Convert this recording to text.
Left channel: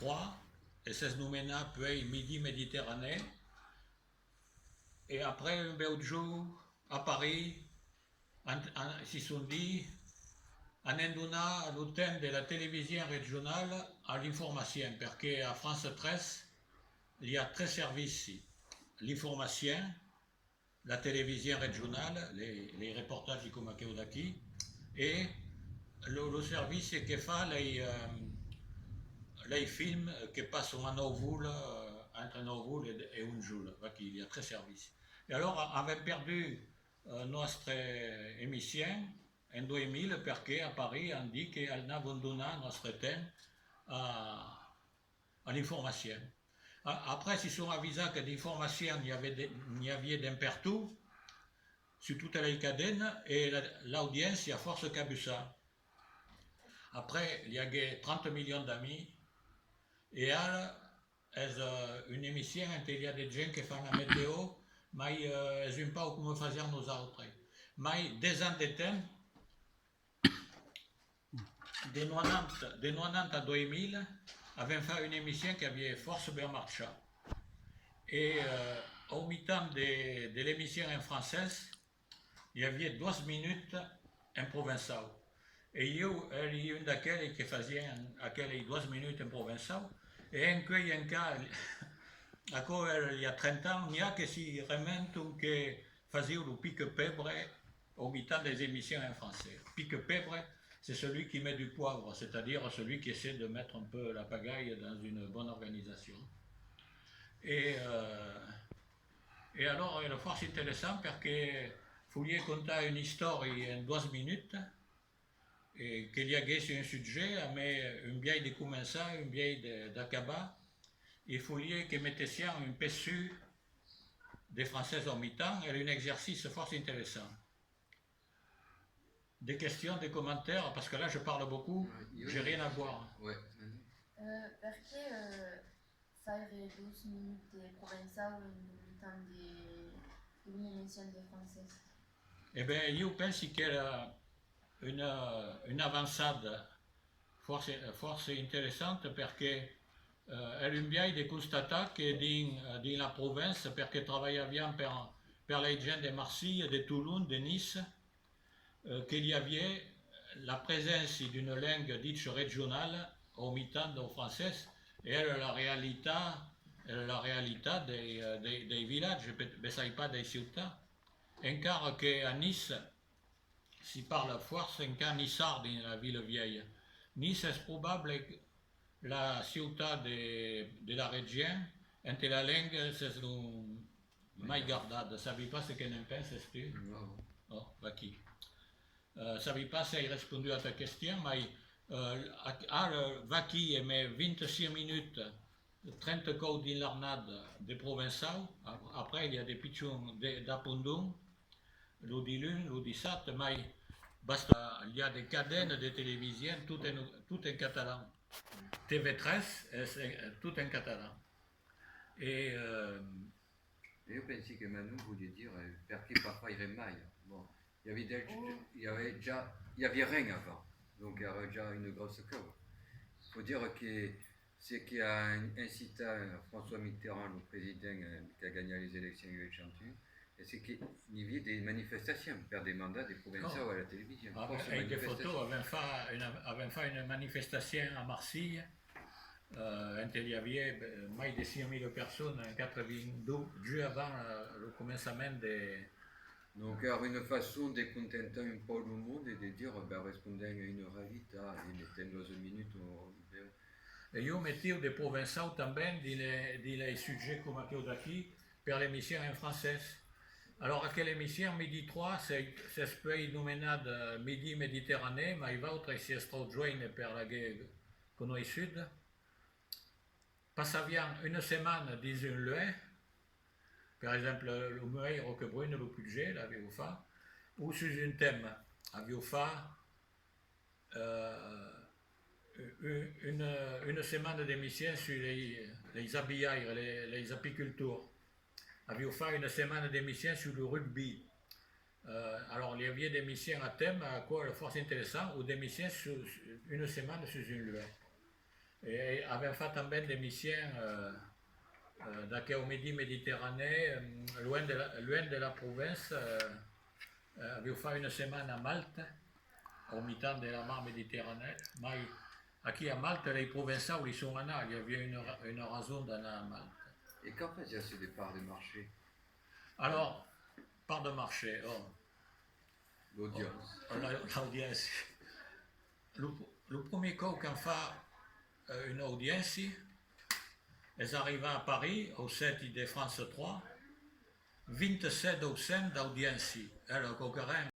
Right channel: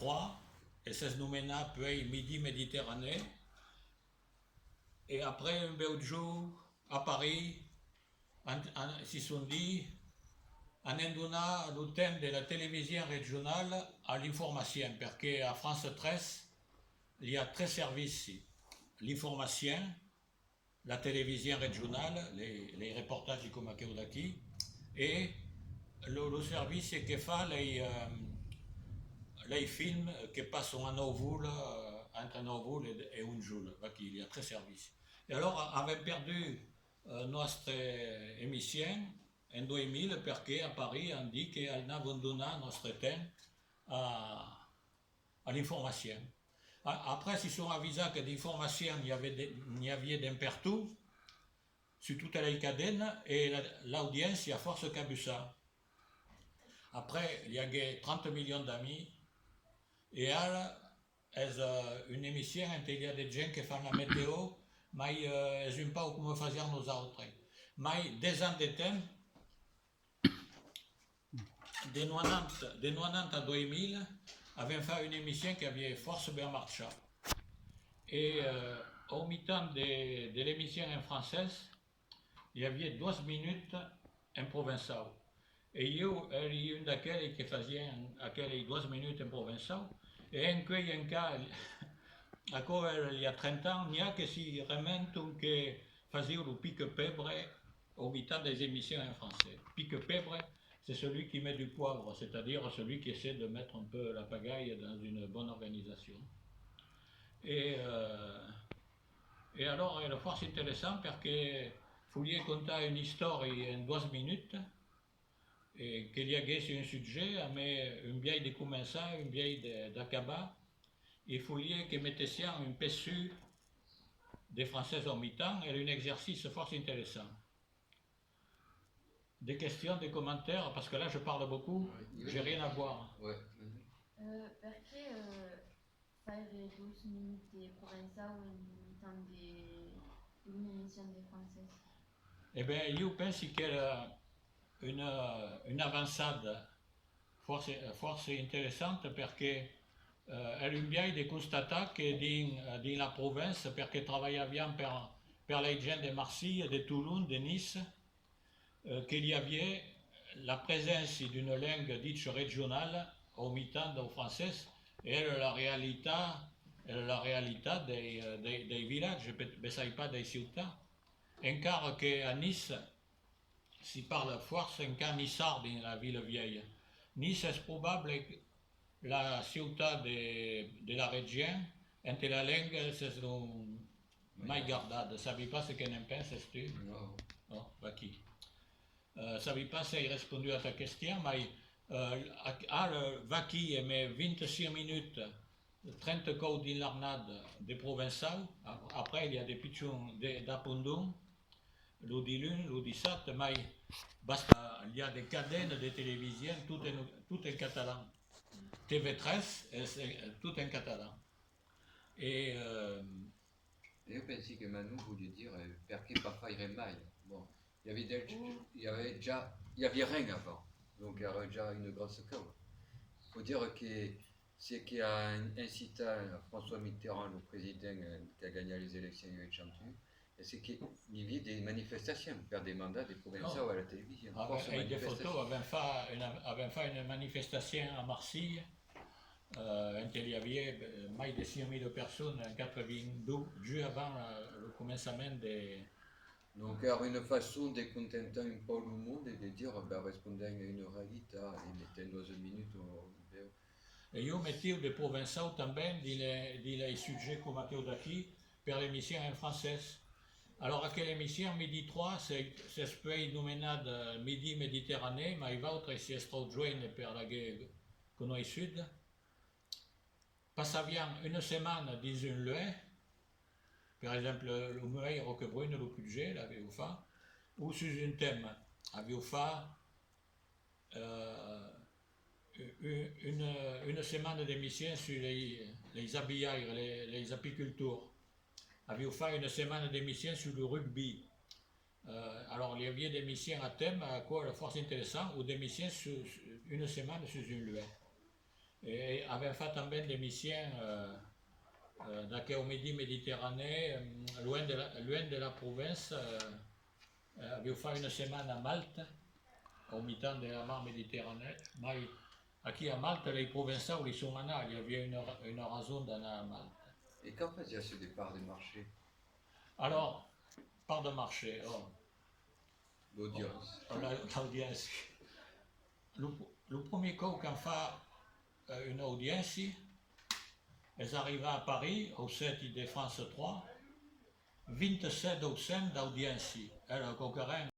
3, et c'est nommé puis Midi Méditerranée. Et après un bel jour, à Paris, si sont dit, en indona l'antenne de la télévision régionale à l'information, parce qu'à France 13, il y a 3 services ici. L'information, la télévision régionale, les reportages du Comaqueudaki, et le service qui fait les films qui passent en Novoul, entre Novoul et Unjoul. Il y a 3 services. Et alors, on avait perdu notre émission en 2000 parce qu'à Paris, on dit qu'elle n'avait donné notre temps à l'information. Après, ils sont avisés que d'information, il y avait d'un partout, sur toute la cadenne, et l'audience, il y a force qu'a vu ça. Après, il y a 30 millions d'amis, et elle, une émission où il y a des gens qui font la météo, mais ils n'ont pas comment faire nous autres. Mais des ans de temps, de 90 à 2000, avaient fait une émission qui avait force bien marché. Et au mi-temps de l'émission en française, il y avait 12 minutes en provençal. Et il y a une d'aquelles qui faisait aquelles 12 minutes en provençal. Et en cas, il y a 30 ans, il y a que si remontent que faisait le pique-pèbre au mi-temps des émissions en français. Pique-pèbre, c'est celui qui met du poivre, c'est-à-dire celui qui essaie de mettre un peu la pagaille dans une bonne organisation. Et alors, il est intéressant parce que Foulier conta une histoire en 12 minutes et qu'il y avait sur un sujet, mais une vieille de commença, une vieille d'acabar, et Foulier qui mettait ça un pessu des Français en mi-temps, et un exercice fort intéressant. Des questions, des commentaires, parce que là je parle beaucoup, j'ai rien à boire. Ouais. Perché fare 12 minuti provençal in temps d'émission de français? Eh bien, je pense qu'il y a une avancée fort intéressante parce que elle est bien de constater que dans la province, parce que travaillait bien pour les gens de Marseille, de Toulouse, de Nice, qu'il y avait la présence d'une langue dite régionale au mi-temps au français et la réalité des villages, mais pas des cités. Car qu'à Nice, s'y parle fort, c'est un cas nissard dans la ville vieille. Nice est probable la ciutat de la région, entre la langue, c'est mai gardada. Sabi pas ce qu'en penses tu? No. Oh, aquí. Sabi pas si hai répondu à ta question, mais Vaki aimait 26 minutes, 30 codes in l'arnade de Provençal. Après, il y a des pitchons d'Apondon, l'Odilun, l'Odissat, mais basta, il y a des cadennes de télévision, tout en catalan. TV13, tout en catalan. Et io pensi che Manu voulait dire perché parfois il mai. Bon, il y avait rien avant, donc il y avait déjà une grosse queue. Il faut dire que ce qui a incité François Mitterrand, le président qui a gagné les élections il y a chanté, c'est qu'il y avait des manifestations pour des mandats des provinciaux à la télévision. Et des photos avaient fait une manifestation à Marseille. Il y avait plus de 6 000 personnes en 82, juste avant le commencement des... Donc, il y a une façon de contenter un peu le monde et de dire, répondant à une réalité, et mettez 12 minutes en vidéo. Et je mettais des provinciaux também dans les sujets comme aqui pour l'émission en français. Alors, à quelle émission, Midi 3, c'est nommé Midi Méditerranée, mais il va autre si est joint pour la guerre que nous sud. Passava bien une semaine dans une loi, par exemple, le Mueil Roquebrune, le budget, l'avait fait, ou sur un thème, avait fait une semaine d'émission sur les habillages, les apiculteurs. Avait fait une semaine d'émission sur le rugby. Alors, il y avait des missions à thème, à quoi la force intéressant, ou des missions sur une semaine sur une loi. E abbiamo fatto também des missions au Midi Méditerranée, loin de la province. Abbiamo fait une semaine à Malte, au mi-temps de la mer Méditerranée. Ma aquí a Malte, les provinciaux, ils sont là, il y avait une raison d'aller à Malte. Et quand faisait-ce départ de marché? Alors, part de marché, L'audience. l'audience. Le premier coup qu'on fait une audience, ils arrivent à Paris, au 7 de France 3, 27 docents d'audience. Alors, concurrent,